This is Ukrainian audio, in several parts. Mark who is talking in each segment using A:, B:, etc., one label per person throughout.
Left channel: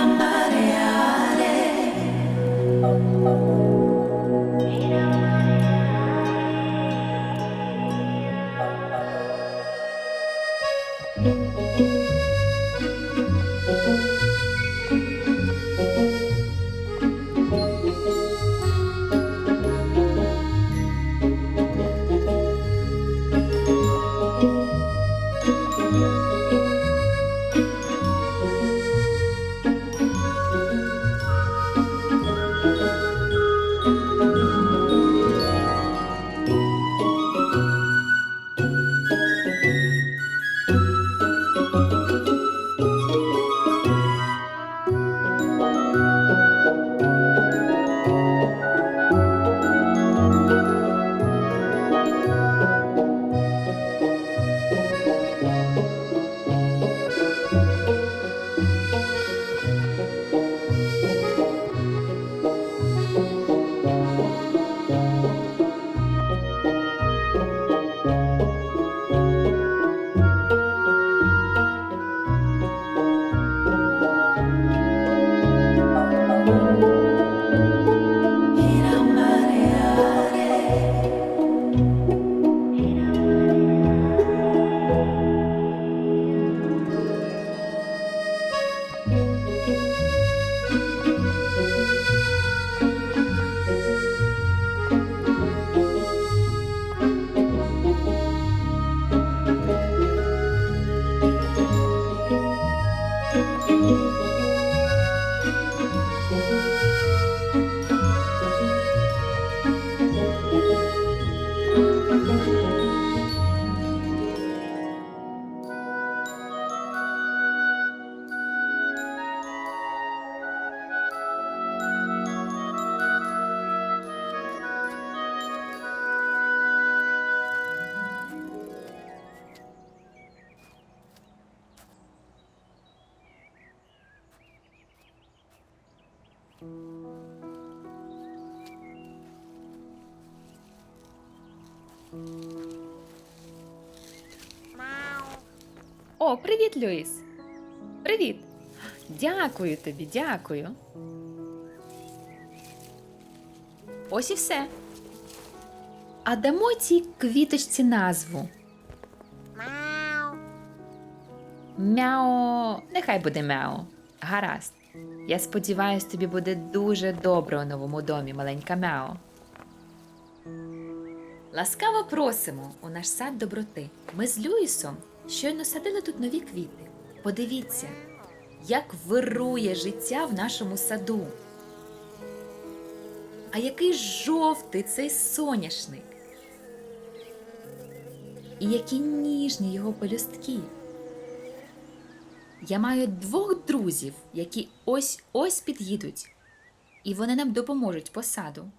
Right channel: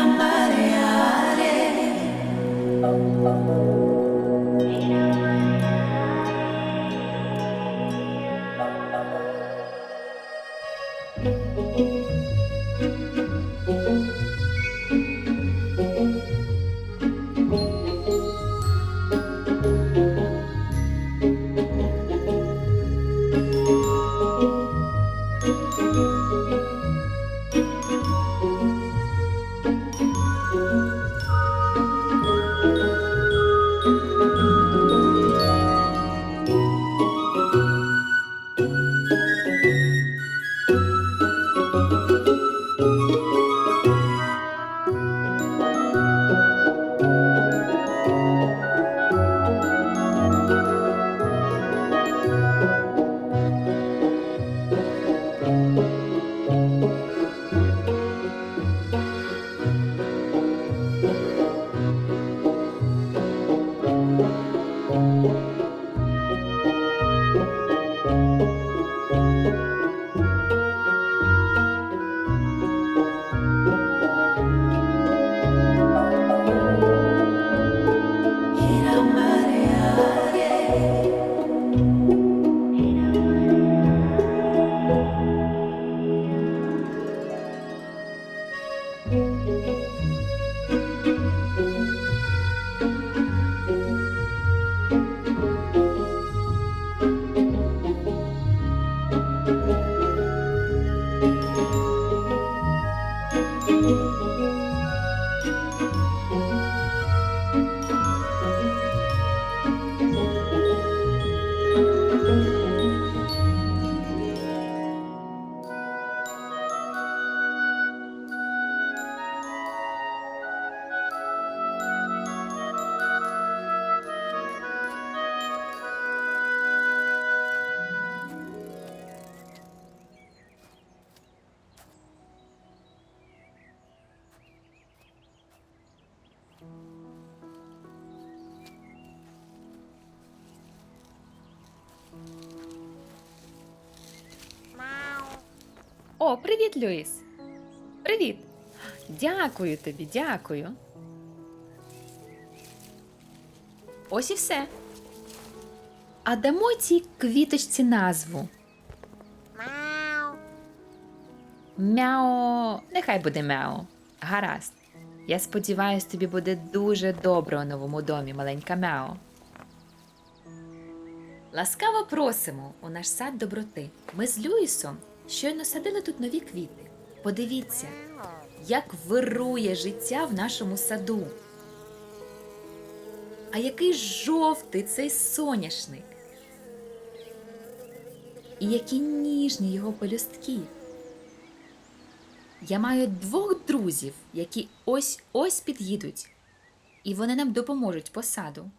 A: somebody else. О, привіт, Люїс. Привіт. Дякую тобі, дякую. Ось і все. А дамо цій квіточці назву. Мяу. Мяо. Нехай буде мяо. Гаразд. Я сподіваюсь, тобі буде дуже добре у новому домі, маленька мяо. Ласкаво просимо у наш сад доброти. Ми з Люїсом щойно садили тут нові квіти. Подивіться, як вирує життя в нашому саду. А який жовтий цей соняшник. І які ніжні його пелюстки. Я маю двох друзів, які ось ось під'їдуть, і вони нам допоможуть по саду.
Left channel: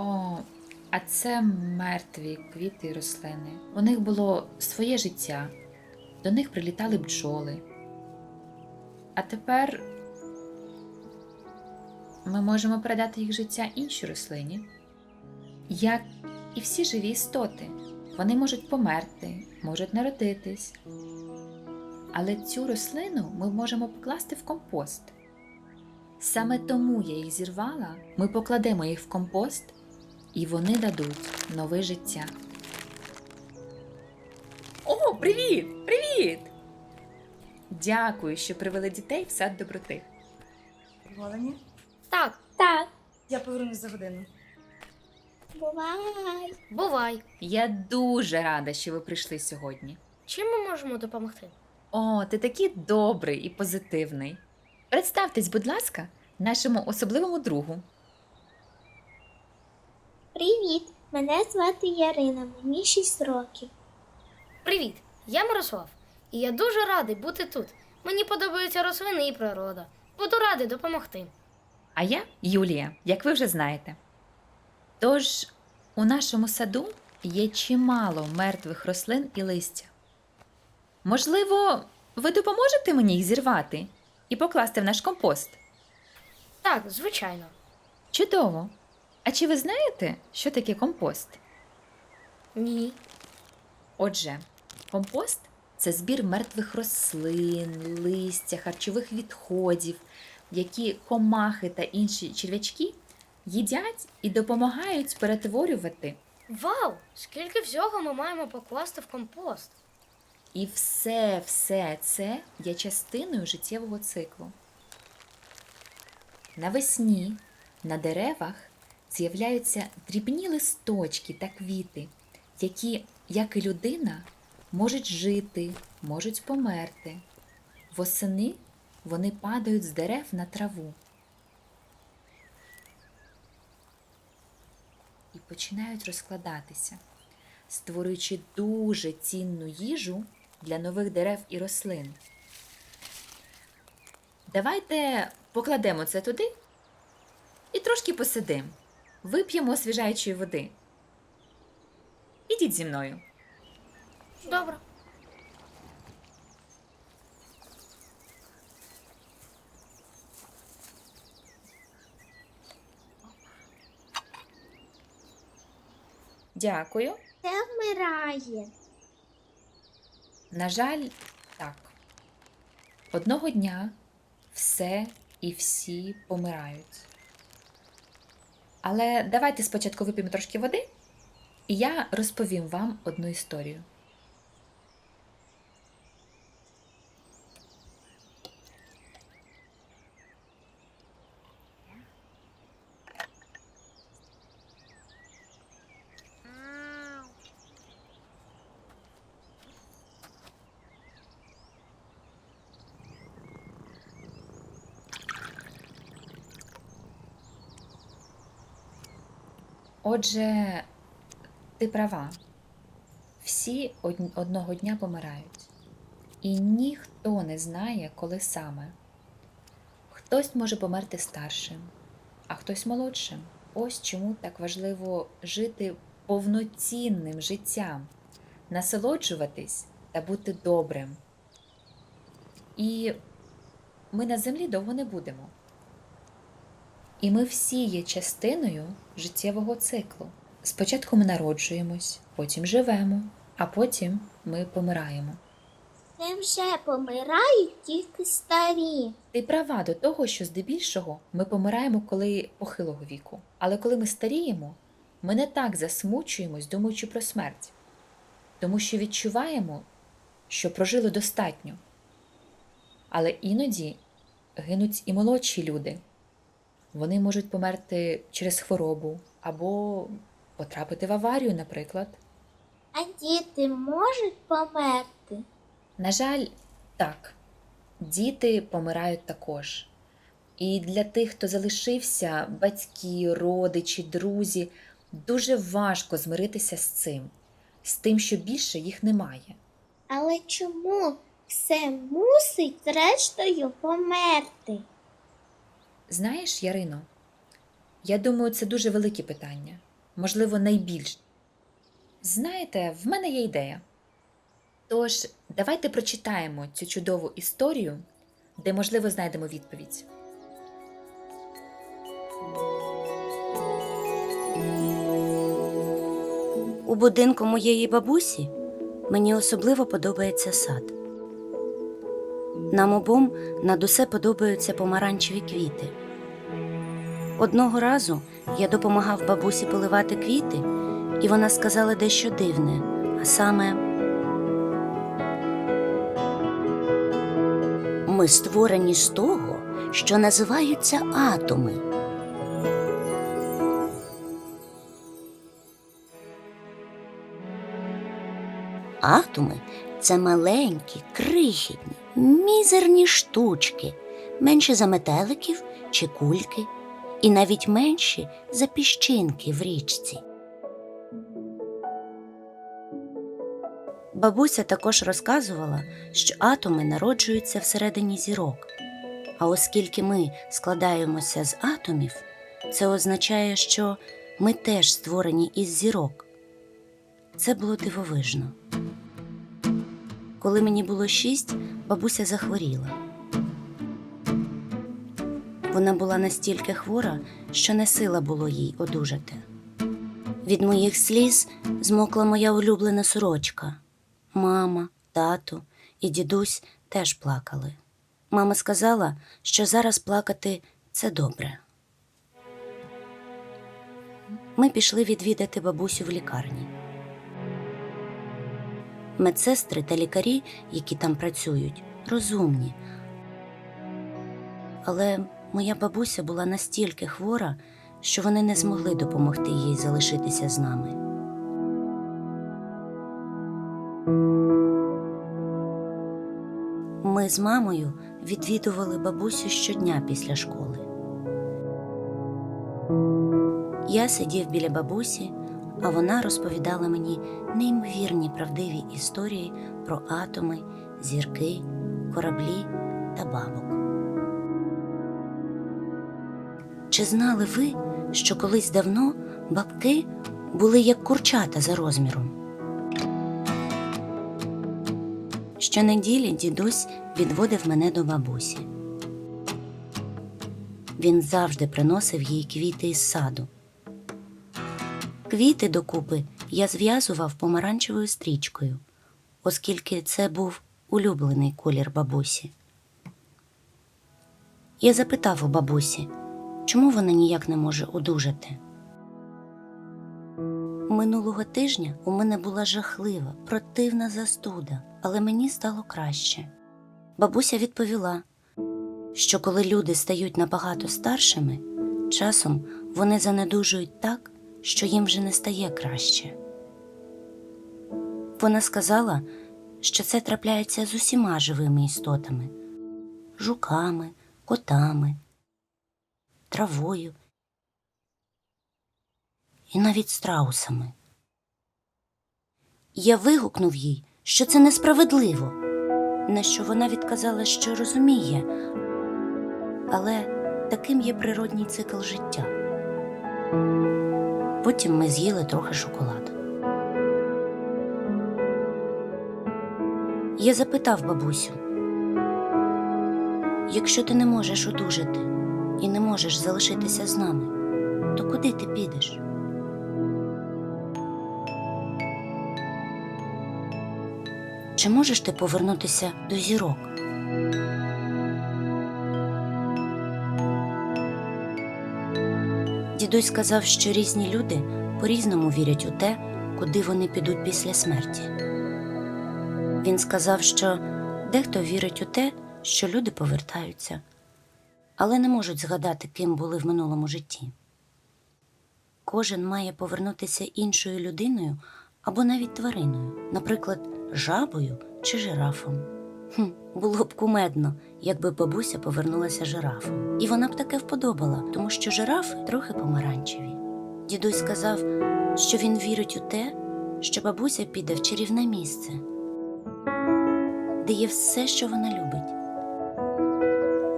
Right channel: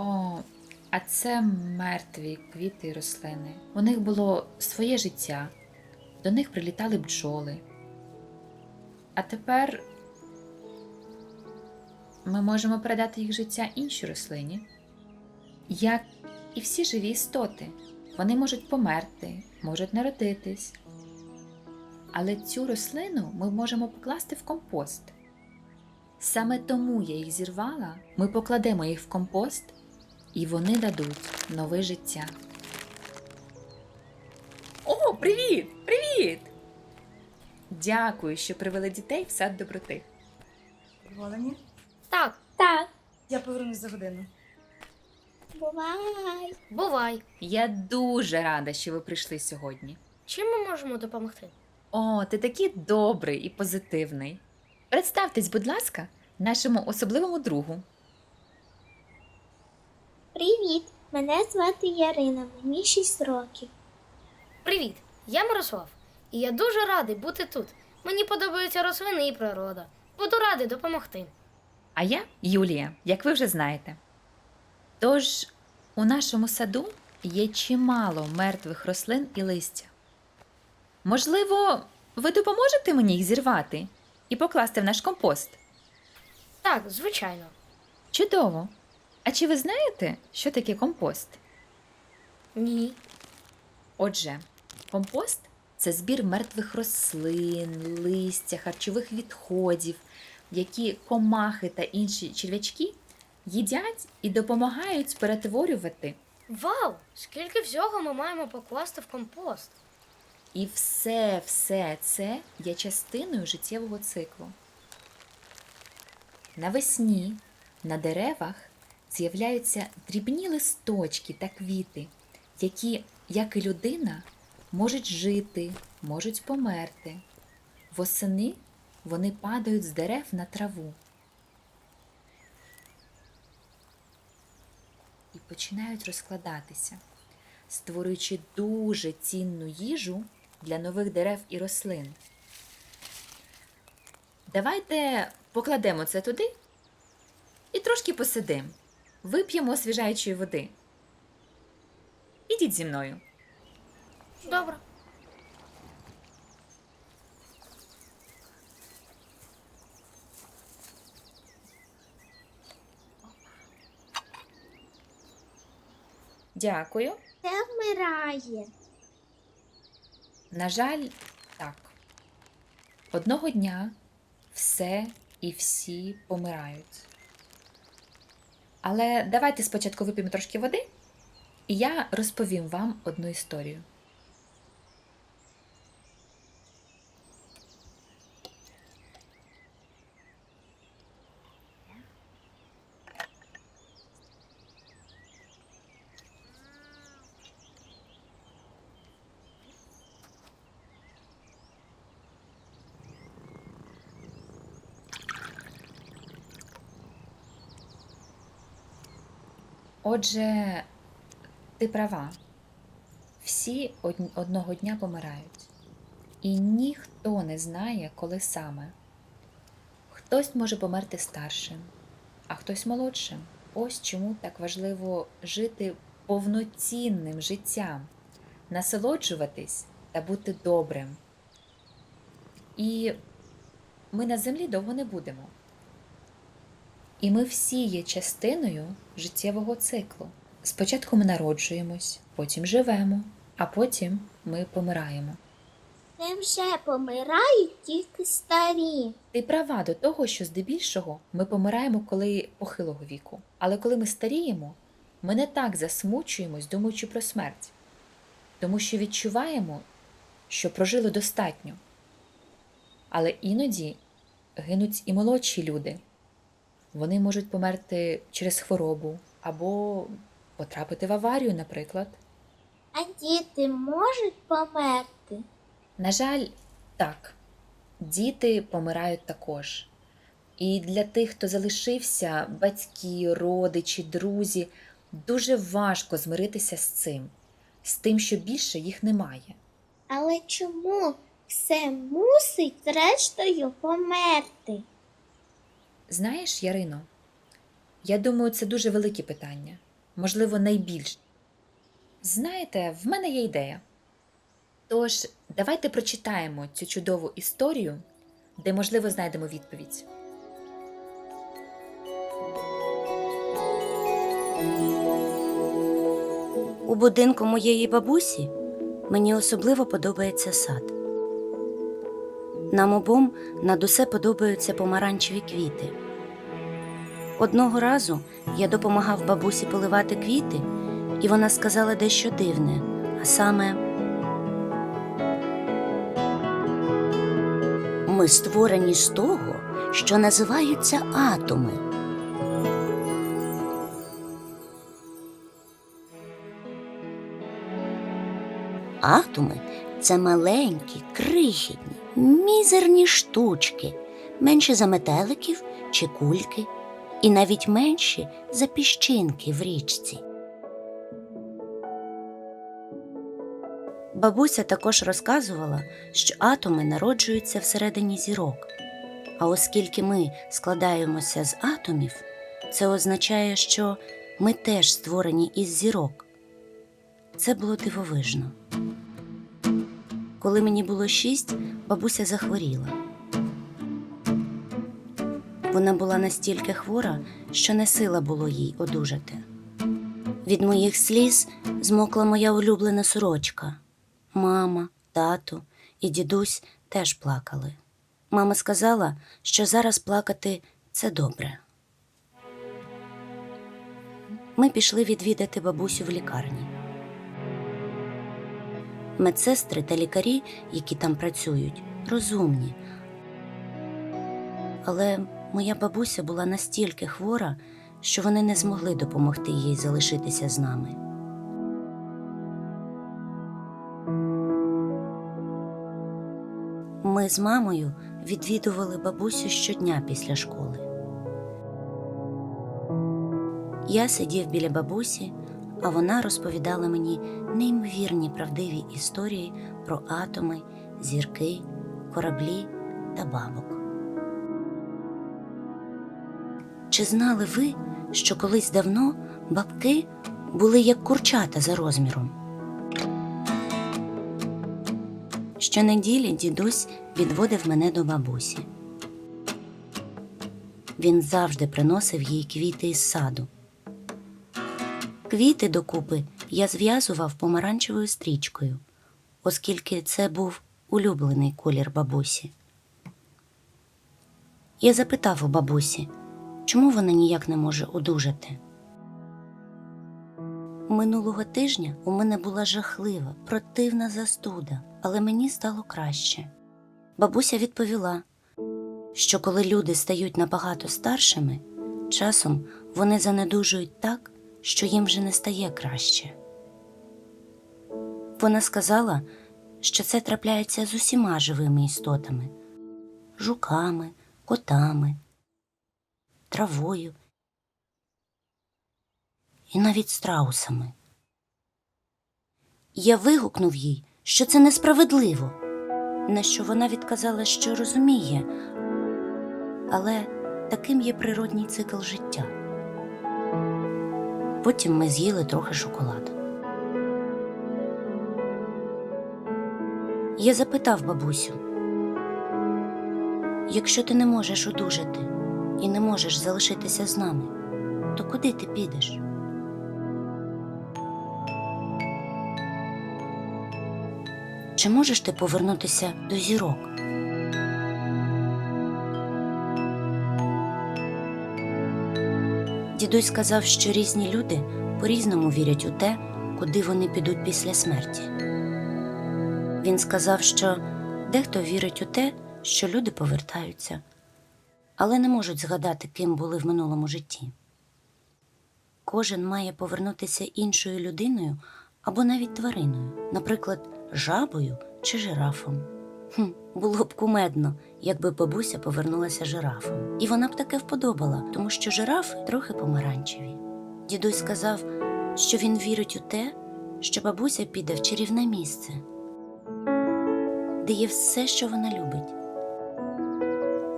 A: О, а це мертві квіти і рослини. У них було своє життя, до них прилітали бджоли. А тепер ми можемо передати їх життя іншій рослині. Як і всі живі істоти, вони можуть померти, можуть народитись. Але цю рослину ми можемо покласти в компост. Саме тому я їх зірвала, ми покладемо їх в компост, і вони дадуть нове життя. О, привіт! Привіт! Дякую, що привели дітей в сад доброти.
B: Задоволені?
C: Так,
D: Так,
B: Я повернусь за годину.
D: бувай.
C: бувай.
A: Я дуже рада, що ви прийшли сьогодні.
C: Чим ми можемо допомогти?
A: О, ти такий добрий і позитивний. Представтесь, будь ласка, нашому особливому другу.
D: Привіт! Мене звати Ярина, мені 6 років.
C: Привіт, я Мирослав, і я дуже радий бути тут. Мені подобаються рослини і природа. Буду радий допомогти.
A: А я Юлія, як ви вже знаєте. Тож у нашому саду є чимало мертвих рослин і листя. Можливо, ви допоможете мені їх зірвати і покласти в наш компост?
C: Так, звичайно.
A: Чудово! А чи ви знаєте, що таке компост?
C: Ні.
A: Отже, компост це збір мертвих рослин, листя, харчових відходів, які комахи та інші черв'ячки їдять і допомагають перетворювати.
C: Вау! Скільки всього ми маємо покласти в компост?
A: І все, все це є частиною життєвого циклу. Навесні на деревах з'являються дрібні листочки та квіти, які, як і людина, можуть жити, можуть померти. Восени вони падають з дерев на траву і починають розкладатися, створюючи дуже цінну їжу для нових дерев і рослин. Давайте покладемо це туди і трошки посидимо. Вип'ємо освіжаючої води. Ідіть зі мною.
C: Добре.
A: Дякую.
D: Це вмирає.
A: На жаль, так. Одного дня все і всі помирають. Але давайте спочатку вип'ємо трошки води, і я розповім вам одну історію. Отже, ти права. Всі одного дня помирають. І ніхто не знає, коли саме. Хтось може померти старшим, а хтось молодшим. Ось чому так важливо жити повноцінним життям, насолоджуватись та бути добрим. І ми на землі довго не будемо. І ми всі є частиною життєвого циклу. Спочатку ми народжуємось, потім живемо, а потім ми помираємо.
D: Не вже помирають тільки старі.
A: Ти права до того, що здебільшого ми помираємо коли похилого віку. Але коли ми старіємо, ми не так засмучуємось, думаючи про смерть, тому що відчуваємо, що прожили достатньо. Але іноді гинуть і молодші люди. Вони можуть померти через хворобу або потрапити в аварію, наприклад.
D: А діти можуть померти.
A: На жаль, так, діти помирають також. І для тих, хто залишився, батьки, родичі, друзі, дуже важко змиритися з цим, з тим, що більше їх немає.
D: Але чому все мусить зрештою померти?
A: Знаєш, Ярино, я думаю, це дуже велике питання, можливо, найбільше. Знаєте, в мене є ідея. Тож, давайте прочитаємо цю чудову історію, де, можливо, знайдемо відповідь.
E: У будинку моєї бабусі мені особливо подобається сад. Нам обом над усе подобаються помаранчеві квіти. Одного разу я допомагав бабусі поливати квіти, і вона сказала дещо дивне, а саме Ми створені з того, що називаються атоми. Атоми це маленькі, крихітні, мізерні штучки, менше за метеликів чи кульки, і навіть менші за піщинки в річці. Бабуся також розказувала, що атоми народжуються всередині зірок, А оскільки ми складаємося з атомів, це означає, що ми теж створені із зірок. Це було дивовижно. Коли мені було шість, бабуся захворіла. Вона була настільки хвора, що не сила було їй одужати. Від моїх сліз змокла моя улюблена сорочка. Мама, тато і дідусь теж плакали. Мама сказала, що зараз плакати це добре. Ми пішли відвідати бабусю в лікарні. Медсестри та лікарі, які там працюють, розумні. Але моя бабуся була настільки хвора, що вони не змогли допомогти їй залишитися з нами. Ми з мамою відвідували бабусю щодня після школи. Я сидів біля бабусі, а вона розповідала мені неймовірні правдиві історії про атоми, зірки, кораблі та бабок. Чи знали ви, що колись давно бабки були як курчата за розміром? Щонеділі дідусь відводив мене до бабусі. Він завжди приносив їй квіти із саду. Квіти докупи я зв'язував помаранчевою стрічкою, оскільки це був улюблений колір бабусі. Я запитав у бабусі, чому вона ніяк не може одужати. Минулого тижня у мене була жахлива, противна застуда, але мені стало краще. Бабуся відповіла, що коли люди стають набагато старшими, часом вони занедужують так, що їм вже не стає краще. Вона сказала, що це трапляється з усіма живими істотами жуками, котами, травою і навіть страусами. Я вигукнув їй, що це несправедливо, на що вона відказала, що розуміє, але таким є природній цикл життя. Потім ми з'їли трохи шоколаду. Я запитав бабусю, якщо ти не можеш одужати і не можеш залишитися з нами, то куди ти підеш? Чи можеш ти повернутися до зірок? Дідусь сказав, що різні люди по-різному вірять у те, куди вони підуть після смерті. Він сказав, що дехто вірить у те, що люди повертаються, але не можуть згадати, ким були в минулому житті. Кожен має повернутися іншою людиною або навіть твариною, наприклад, жабою чи жирафом. Хм, було б кумедно, якби бабуся повернулася жирафом. І вона б таке вподобала, тому що жирафи трохи помаранчеві. Дідусь сказав, що він вірить у те, що бабуся піде в чарівне місце, де є все, що вона любить:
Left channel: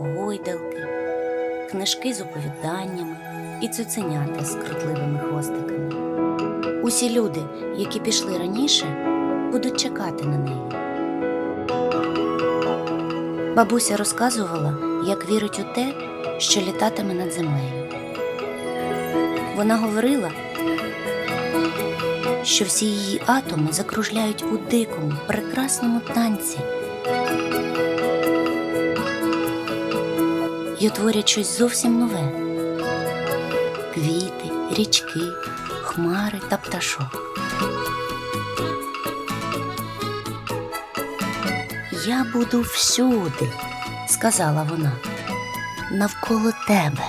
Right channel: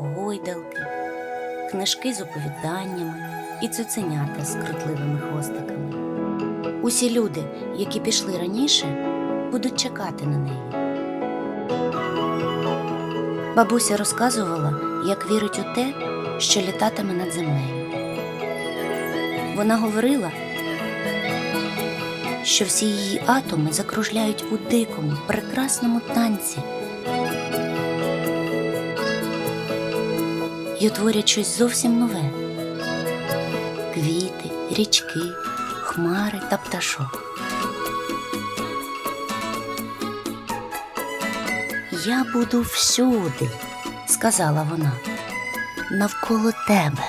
E: гойдалки, книжки з оповіданнями і цуценята з крутливими хвостиками. Усі люди, які пішли раніше, будуть чекати на неї. Бабуся розказувала, як вірить у те, що літатиме над землею. Вона говорила, що всі її атоми закружляють у дикому, прекрасному танці і утворять щось зовсім нове квіти, річки, хмари та пташок. Я буду всюди, сказала вона, навколо тебе.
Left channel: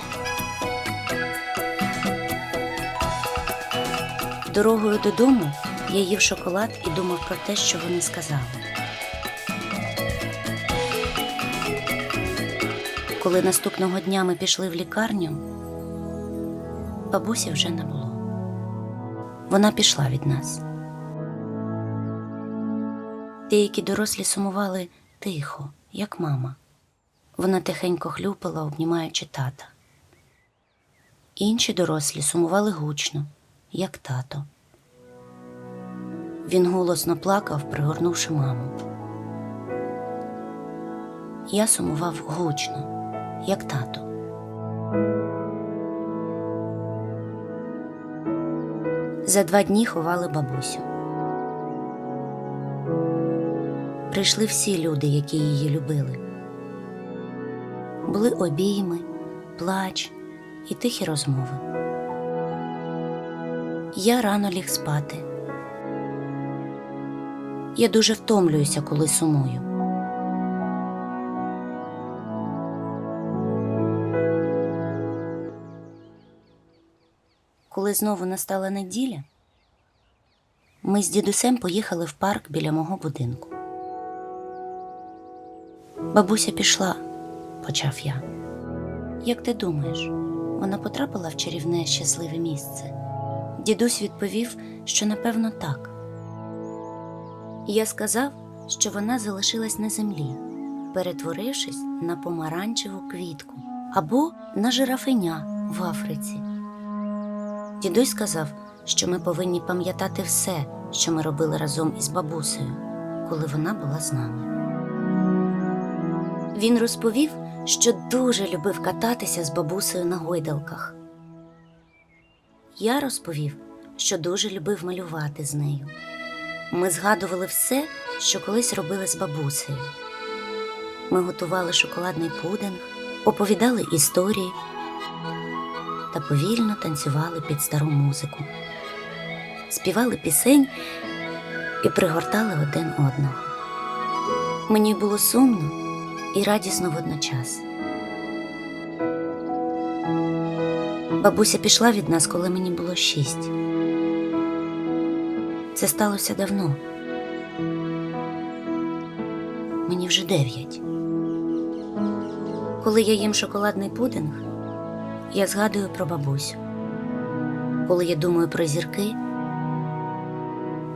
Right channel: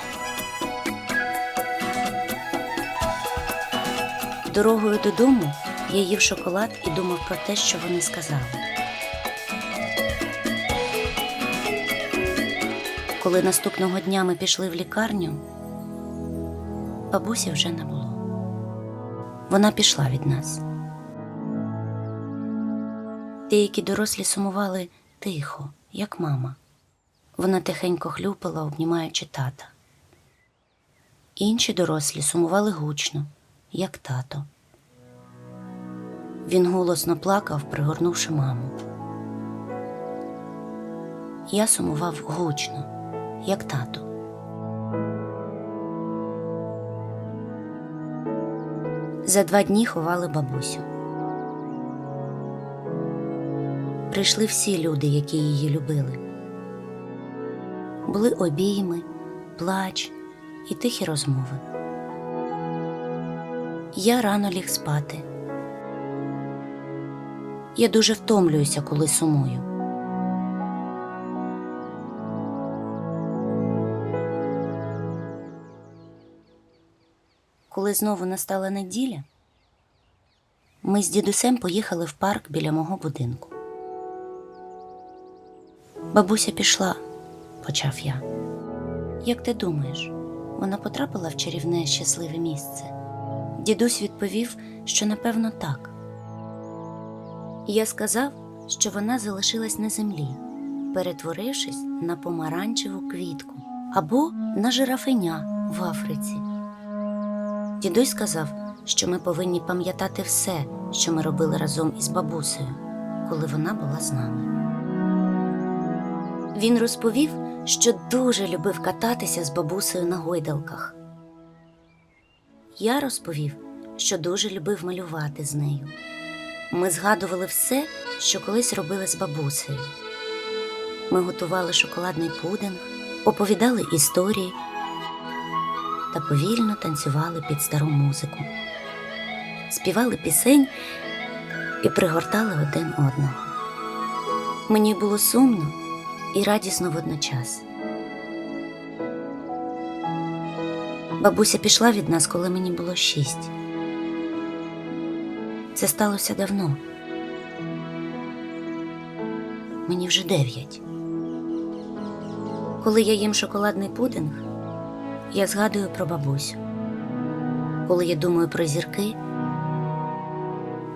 E: Дорогою додому я їв шоколад і думав про те, що вони сказали. Коли наступного дня ми пішли в лікарню, бабусі вже не було. Вона пішла від нас. Деякі дорослі сумували тихо, як мама. Вона тихенько хлюпала, обнімаючи тата. Інші дорослі сумували гучно, як тато. Він голосно плакав, пригорнувши маму. Я сумував гучно, як тато. За два дні ховали бабусю. Прийшли всі люди, які її любили. Були обійми, плач і тихі розмови. Я рано ліг спати. Я дуже втомлююся, коли сумую. Коли знову настала неділя, ми з дідусем поїхали в парк біля мого будинку. Бабуся пішла, почав я. Як ти думаєш, вона потрапила в чарівне щасливе місце? Дідусь відповів, що напевно так. Я сказав, що вона залишилась на землі, перетворившись на помаранчеву квітку або на жирафеня в Африці. Дідусь сказав, що ми повинні пам'ятати все, що ми робили разом із бабусею, коли вона була з нами. Він розповів, що дуже любив кататися з бабусею на гойдалках. Я розповів, що дуже любив малювати з нею. Ми згадували все, що колись робили з бабусею. Ми готували шоколадний пудинг, оповідали історії та повільно танцювали під стару музику, співали пісень і пригортали один одного. Мені було сумно і радісно водночас. Бабуся пішла від нас, коли мені було шість. Це сталося давно. Мені вже дев'ять. Коли я їм шоколадний пудинг, я згадую про бабусю. Коли я думаю про зірки,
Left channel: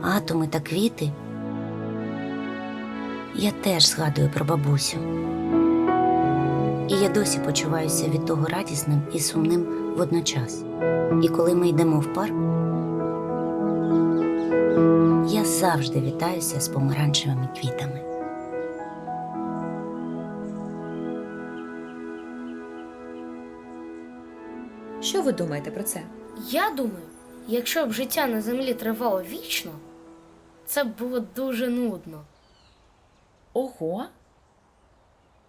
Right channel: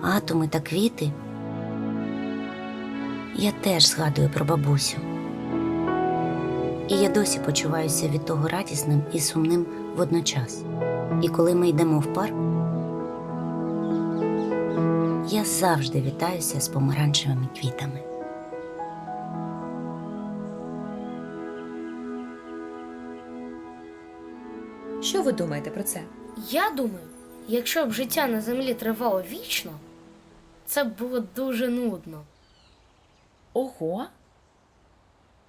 E: атоми та квіти, я теж згадую про бабусю. І я досі почуваюся від того радісним і сумним водночас. І коли ми йдемо в парк, я завжди вітаюся з помаранчевими квітами.
A: Що ви думаєте про це?
C: Я думаю, якщо б життя на землі тривало вічно, це б було дуже нудно.
A: Ого.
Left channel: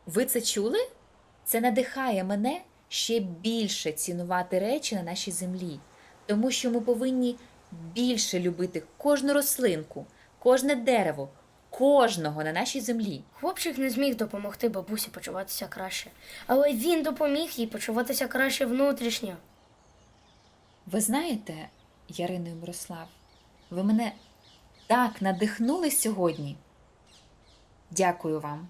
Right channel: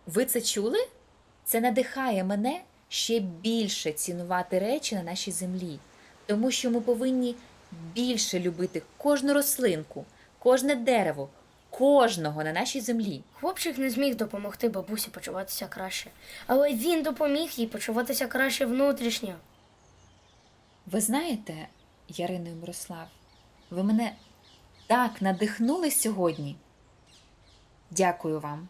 A: Ви це чули? Це надихає мене ще більше цінувати речі на нашій землі, тому що ми повинні більше любити кожну рослинку, кожне дерево, кожного на нашій землі.
C: Хлопчик не зміг допомогти бабусі почуватися краще, але він допоміг їй почуватися краще внутрішньо.
A: Ви знаєте, Ярино і Мирослав, ви мене так надихнули сьогодні. Дякую вам.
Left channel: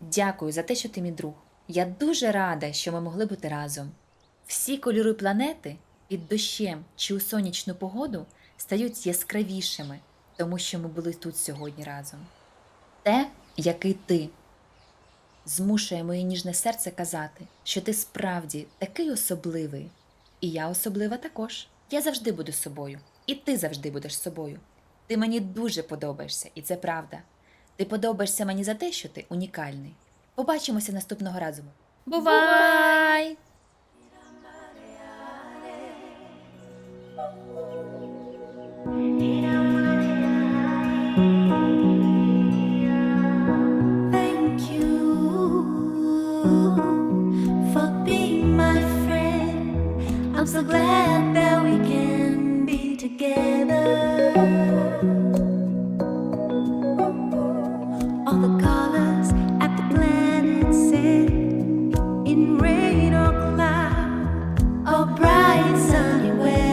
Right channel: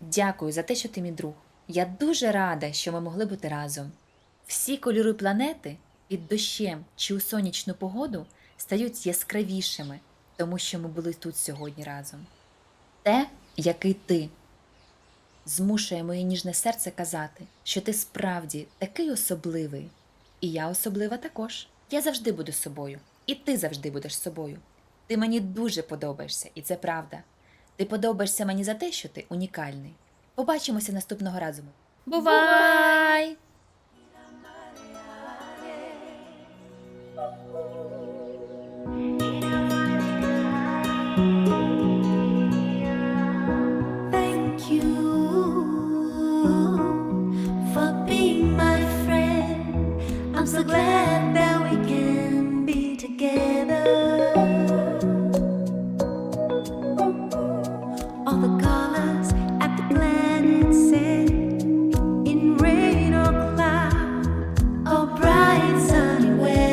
A: Дякую за те, що ти мій друг. Я дуже рада, що ми могли бути разом. Всі кольори планети під дощем чи у сонячну погоду стають яскравішими, тому що ми були тут сьогодні разом. Те, який ти, змушує моє ніжне серце казати, що ти справді такий особливий, і я особлива також. Я завжди буду собою, і ти завжди будеш собою. Ти мені дуже подобаєшся, і це правда. Ти подобаєшся мені за те, що ти унікальний. Побачимося наступного разу. Бувай!
F: Thank you for being my friend. I'm so glad that we can be together. All the colors at the planet's end, in rain or cloud, or bright sunny weather.